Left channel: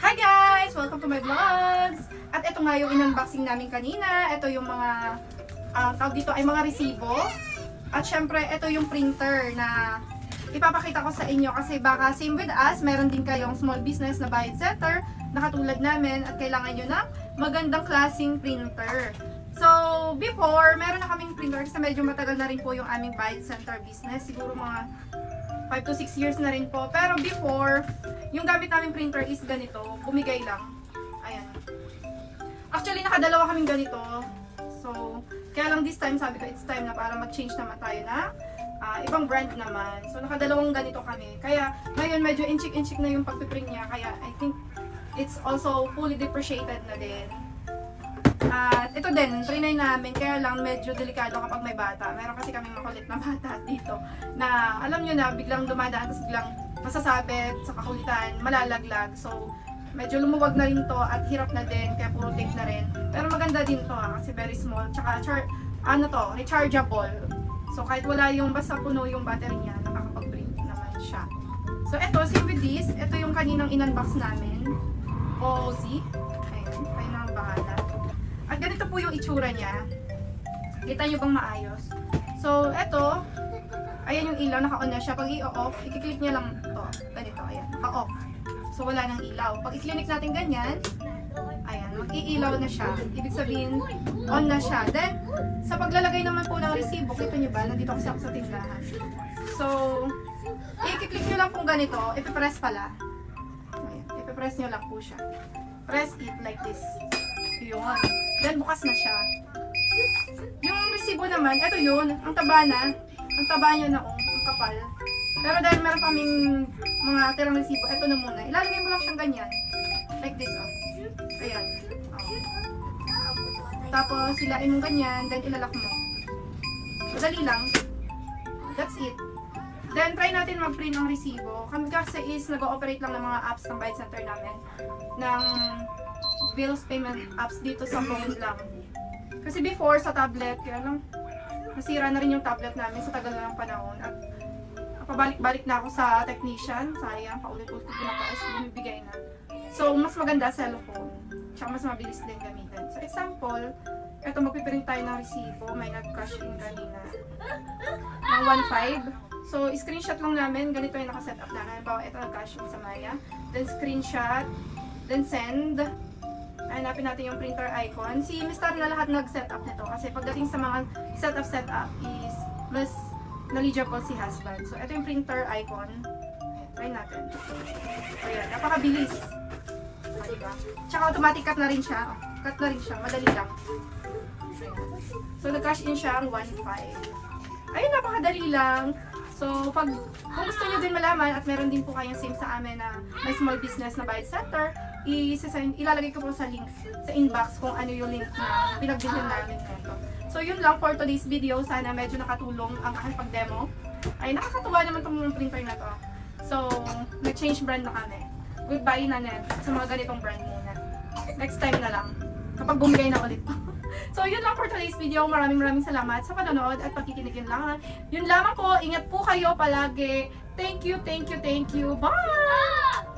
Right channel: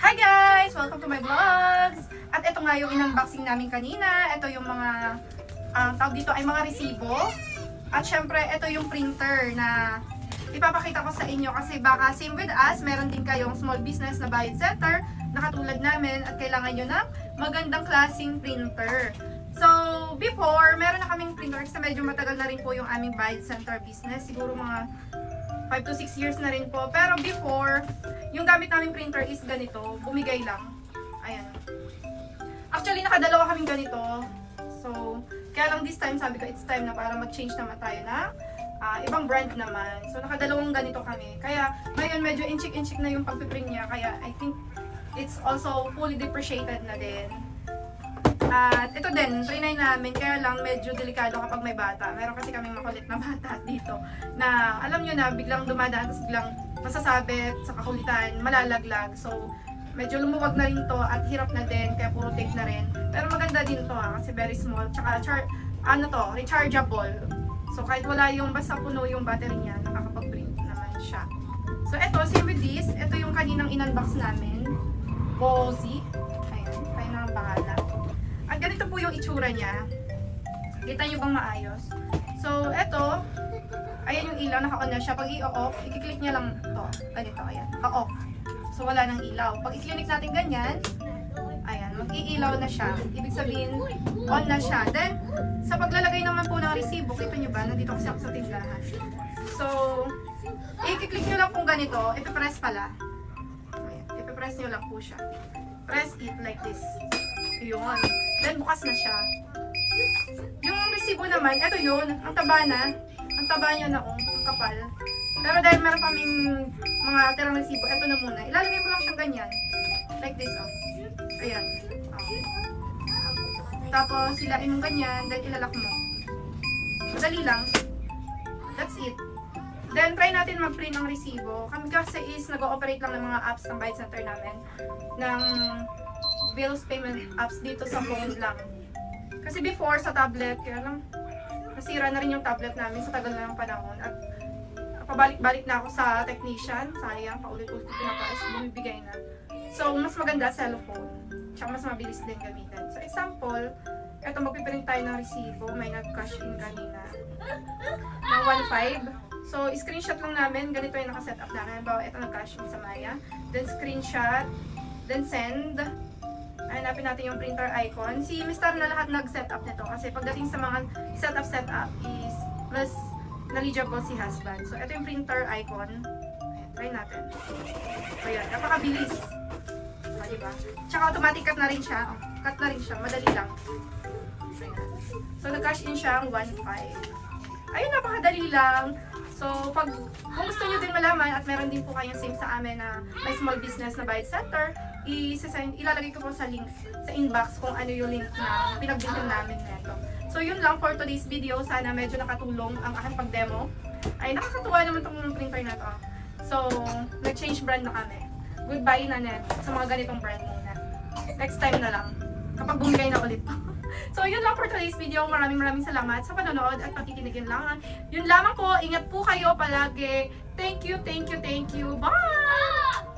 Hi guys! Welcome to my vlogs! At ito nga yung in-unboxing namin kanina. Ito yung mga, tawag dito ay mga resibo. At syempre, ito yung printer na ipapakita ko sa inyo kasi baka same with us, meron din kayong small business na bayad setter na katulad namin at kailangan nyo ng magandang klaseng printer. So, before, meron na kaming printer kasi medyo matagal na rin po yung aming bayad center business. Siguro mga 5 to 6 years na rin po. Pero before, yung gamit naming printer is ganito. Bumigay lang. Ayan. Actually, nakadalawa kaming ganito. So, kaya lang this time, sabi ko, it's time na para mag-change naman tayo na ibang brand naman. So, nakadalawang ganito kami. Kaya, ngayon, medyo inchik-inchik na yung pagpiprint niya. Kaya, I think, it's also fully depreciated na din. At ito din, trinay namin, kaya lang medyo delikado kapag may bata. Meron kasi kaming makulit na bata dito na alam nyo na, biglang dumadaan, tapos biglang masasabit sa kakulitan, malalaglag. So, medyo lumuwag na rin to at hirap na din, kaya puro tape na rin. Pero maganda din to kasi very small. Tsaka, rechargeable. So, kahit wala yung, basta puno yung battery niya, nakakapag-print naman siya. So, ito, same with this. Ito yung kaninang in-unbox namin. Bozy. Ayun, kayo na ang bahala. At ganito po yung itsura niya. Kita nyo bang maayos? So, eto, ayan yung ilaw, naka-on na siya. Pag i-off, i-click niya lang to. Ganito, ayan, naka-off. So, wala nang ilaw. Pag i-click natin ganyan, ayan, mag-i-ilaw na siya. Ibig sabihin, on na siya. Then, sa paglalagay naman po ng resibo, kita nyo ba? Nandito kasi ako sa tindahan. So, i-click nyo lang po ganito. Ipipress pala. Ayan, ipipress nyo lang po siya. Press it like this. Yun. Then, bukas na siya. Yung resibo naman, eto yun. Ang taba na. Ang taba niya na, ang kapal. Pero dahil meron kaming mga tirang resibo, eto na muna. Ilalagay mo lang siyang ganyan. Like this, oh. Ayan. Tapos, hilain mo ganyan, then ilalak mo. Madali lang. That's it. Then, try natin mag-print ng resibo. Kami kasi is nag-ooperate lang ng mga apps ng Bayad Center namin. Ng bills payment apps dito sa phone lang. Kasi before, sa tablet, kaya lang, nasira na rin yung tablet namin sa tagal na ng panahon. At pabalik-balik na ako sa technician. Sayang, paulit-ulit ko na pa bumibigay na. So, mas maganda cellphone. Tsaka mas mabilis din gamitin. So, example, eto magpiprint tayo ng resibo. May nag-cash in kanina. Na 1.5. So, screenshot lang namin. Ganito yung nakasetup namin. Bawa, ito nag-cash in sa Maya. Then, screenshot. Then, send. Hanapin natin yung printer icon. Si Mr. na lahat nag-setup nito. Kasi pagdating sa mga setup is mas knowledgeable si husband. So, ito yung printer icon. Ayan, try natin. Ayan, napakabilis. Diba? Tsaka automatic cut na rin siya. Cut na rin siya. Madali lang. So, nag-cash in siya ang 1.5. Ayun, napakadali lang. So, kung gusto nyo din malaman at meron din po kayong same sa amin na may small business na bayad center, ilalagay ko po sa link sa inbox kung ano yung link na pinag-bilhan namin nito. So, yun lang for today's video. Sana medyo nakatulong ang aking pag-demo. Ay, nakakatuwa naman itong printer na to. So, nag-change brand na kami. Goodbye na net sa mga ganitong brand muna. Next time na lang. Kapag bumigay na ulit to. So, yun lang for today's video. Maraming salamat sa panonood at pakikinig yun lang. Yun lamang po. Ingat po kayo palagi. Thank you. Bye!